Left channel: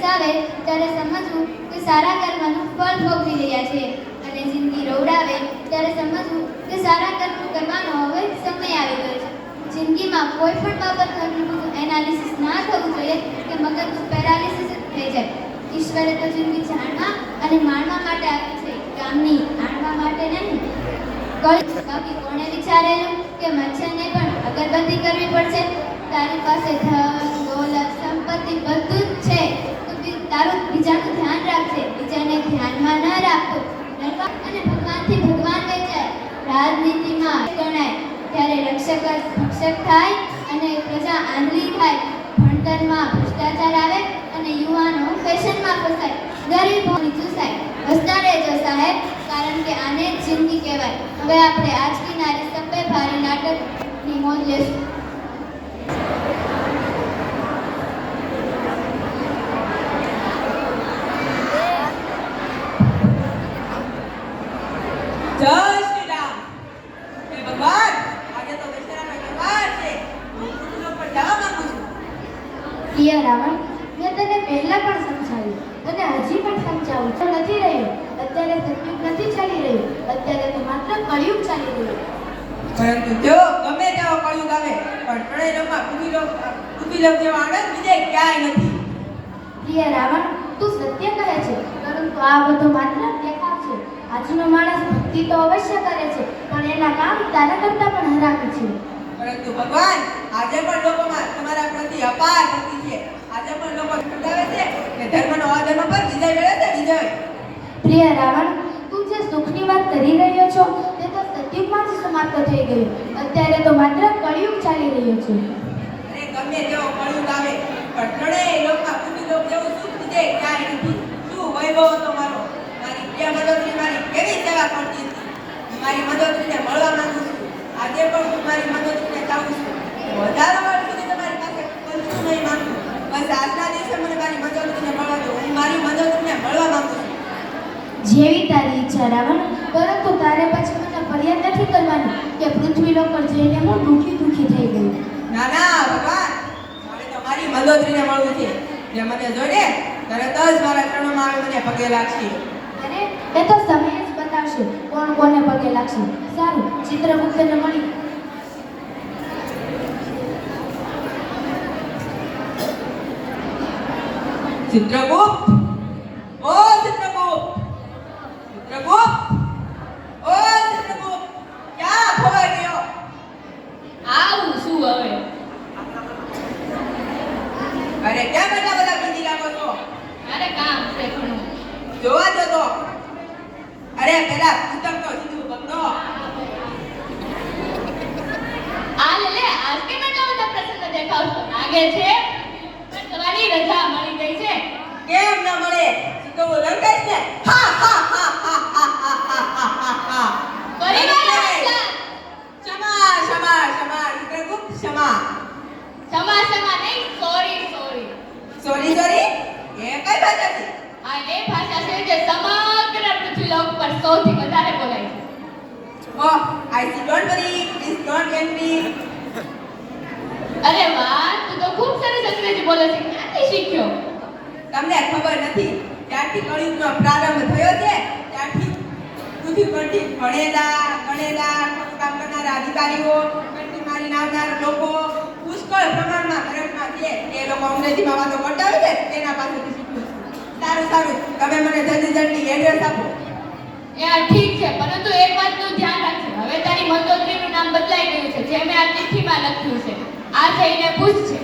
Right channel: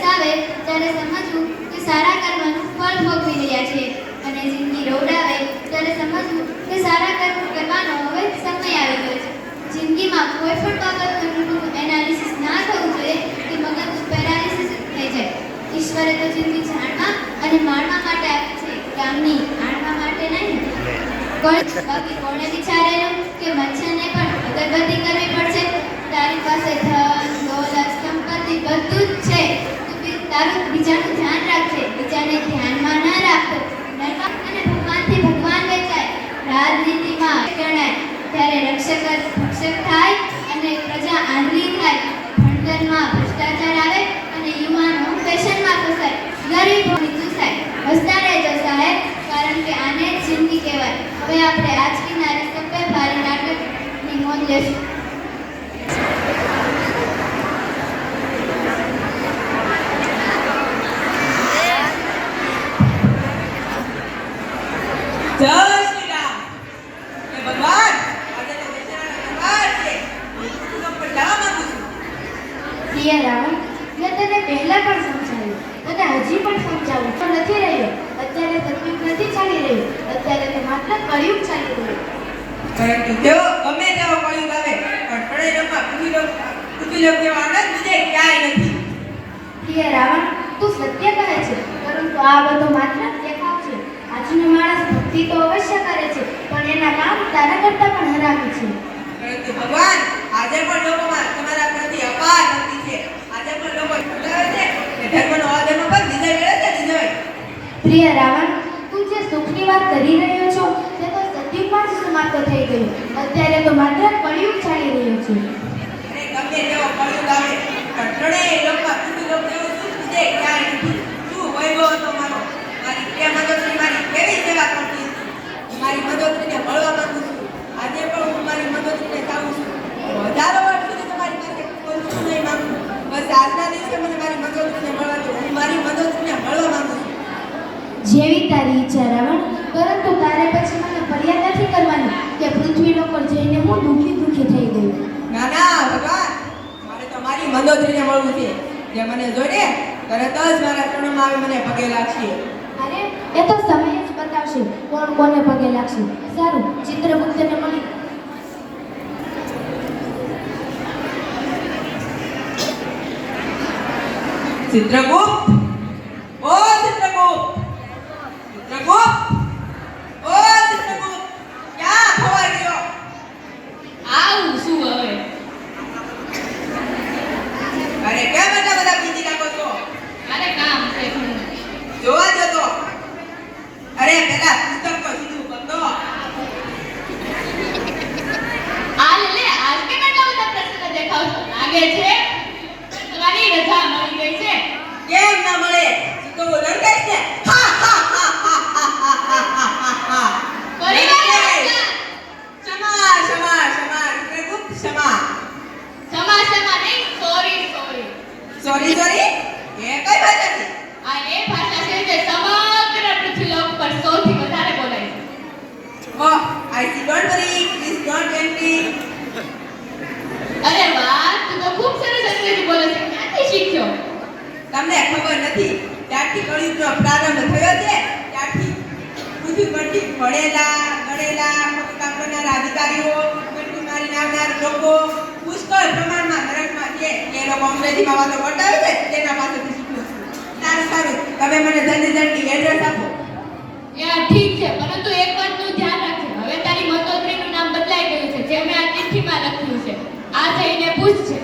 દિવસ આવે ત્યારે સમજવું કે સારા કર્મનું ફળ ભોગવી રહ્યા છે, અને જિંદગી રોવડાવે ત્યારે સમજવું કે સારા કર્મ કરવાનો હવે સમય આવી ગયો છે. જિંદગીમાં કોઈ પણ બાબતનું એનાલિસિસ ના થવું જોઈએ કે મગજનું પેરાલિસિસ થઈ જાય. ઈશ્વરે તો જિંદગી જાણવા અને માણવા માટે આપી છે, કામની આણવા માટે નહીં. બાકી કોણે વિચારેલું કે મચ્છરને પણ અગરબત્તી કરવી પડશે? તારી પાસે ધન દોલત સંપત્તિ બધું જ છે, તું તારું બીજાનું ધ્યાન રાખજે, બીજાને ધ્યાનમાં ન રાખો. અને ભગવાનથી ભગવાન વેચાય, રાજનીતિમાં ગણાય ત્યારે રક્ષક ભક્ષક થાય અને પ્રજા આંધળી થાય. ભણતરમાં ભ્રષ્ટાચાર આવે અને યુવાનો ફેશનમાં ફસાય, ગરીબોની ચૂસાય. હસતા રહેજો સાહેબ, કારણ કે આને જ જિંદગી કહેવાય. હવે આપણે આજની નારી સભ્ય ભારી નાટકની નોંધ લેશું. રાવણ, મેં તને પહેલા પણ સમજાવ્યું અને હજી પણ સમજાવું તો નથી રહ્યો. અત્યારે સત્યુગ નથી ચાલી રહ્યું, અત્યારે તો માત્ર કળિયુગ ચાલી રહ્યું. પરંતુ જો ગમે તેવો કળિયુગ આવે પણ પ્રણયમાં પૃથ્વીલોક જેવો આનંદ બીજે ક્યાંય નથી. પ્રિય રાવણ, તું સત્ય કહે છે, પરંતુ આ બધો માત્ર દેખાવ છે. આજનો માણસ ભક્તિ તો અવશ્ય કરે છે, પણ એના કામ તારા કરતા પણ હરામી છે. પરંતુ ભગવાન, આજે પણ લોકોમાં તમારા પ્રતિ અપાર ભક્તિ છે. આજે પણ લોકો બોલાવે છે કે ધર્મનો અધર્મ પર વિજય મેળવે છે, વિજય. પ્રિય રાવણ, તું જે સુખની વાત કરી રહ્યો છો તે તો સત્યુગમાં જ સમાપ્ત થઈ ગયું. અત્યારે તો માત્ર કળિયુગ ચાલી રહ્યું છે. અને ગમે તેવો કળિયુગ આવે પણ ત્રણેય લોકમાં પૃથ્વીલોક જેવું સુખ બીજે ક્યાંય નથી. શું વૈભવ હતો મારો, મારી પ્રિય મદદની મારી કેવી સેવા કરતી હતી. મારી મદદને મળવા માંગુ છું. આજે પણ હું મારી મદદને ચાહું છું. હજારો વાર સુધી તમારી પાસે કોઈ નહીં માંગુ. બસ આજના દિવસે મને મારી મદદને મળવા દો. હું મારી મદદને મળવા માંગુ છું. જેવી તારી ઈચ્છા રાવણ, પરંતુ તારે પછી મને ફરિયાદ નથી કરવાની કે પૃથ્વીલોક પર જઈને હું દુઃખી થઈ ગયું. ના ના ભગવાન, મારે તો મારી મદદને મળવું છે. જે મને જોડે તરત જ મારા ચરણોમાં આવી મને પગે લાગશે. અરે, એ તો સમય જ બતાવશે કોણ કોને પગે લાગશે. સારું, ચિત્રગુપ્તને મળી. ચિત્રગુપ્ત, ઓ ચિત્રગુપ્ત, ચિત્રગુપ્ત, ઓ ચિત્રગુપ્ત, ક્યાં ખોવાઈ ગયો? આવું શું હવે? અરે કેમ એટલા બધા બીજી લાગો છો? મારે કામ છે. જોવા જતો. અરે પેલા પુસ્તક તો સીધું કરતો. આ લે, આજ કે બેટા બધા પ્રસંગ દેખાવ છો. લાગે છે તમારી રજા મળી ગઈ છે. કેમ ના મળે? તું તો લંકાઈશ ને. હા હા હા હા હા હા હા હા. પરિવાર ક્ષમા ક્ષમા ક્ષમા ચિત્રગુપ્ત ક્ષમા. સમાસમાં નહીં, સોરી સોરી. સોરી સોરી, એ કઈ ભાષા છે? આ એ ભાષા છે જે સમગ્ર પૃથ્વીલોક પર સૌથી વધારે બોલાય છે. Oh, I see. Don't worry. Please don't angry. અરે વાહ, તું તો ખૂબ સરસ અંગ્રેજી બોલે છે. ક્યાંથી શીખ્યો? તમને ખબર નથી, ત્યારથી કળિયુગનો પ્રારંભ થયો છે ત્યારથી પૃથ્વી પરથી ભણેલા ગણેલા કામ કરનારા અધિકારીઓ, કંઠી મારીને આવનાર લોકો પુષ્કળ પ્રમાણમાં નરકમાં છે. એ લોકો અંગ્રેજીમાં વાતો કરતા હોય છે, તેના પાસેથી શીખ્યું છું. સારું સારું, તમે મને જલ્દી એડ્રેસ આપો. ઠીક છે, પરંતુ એક વાતનું ધ્યાન રાખજો. હવે તારી મતોત્રીનું નામ બદલાઈ ગયું છે, જે મેં આ ચિઠ્ઠીમાં લખ્યું છે. આ જઈને પૂછજે.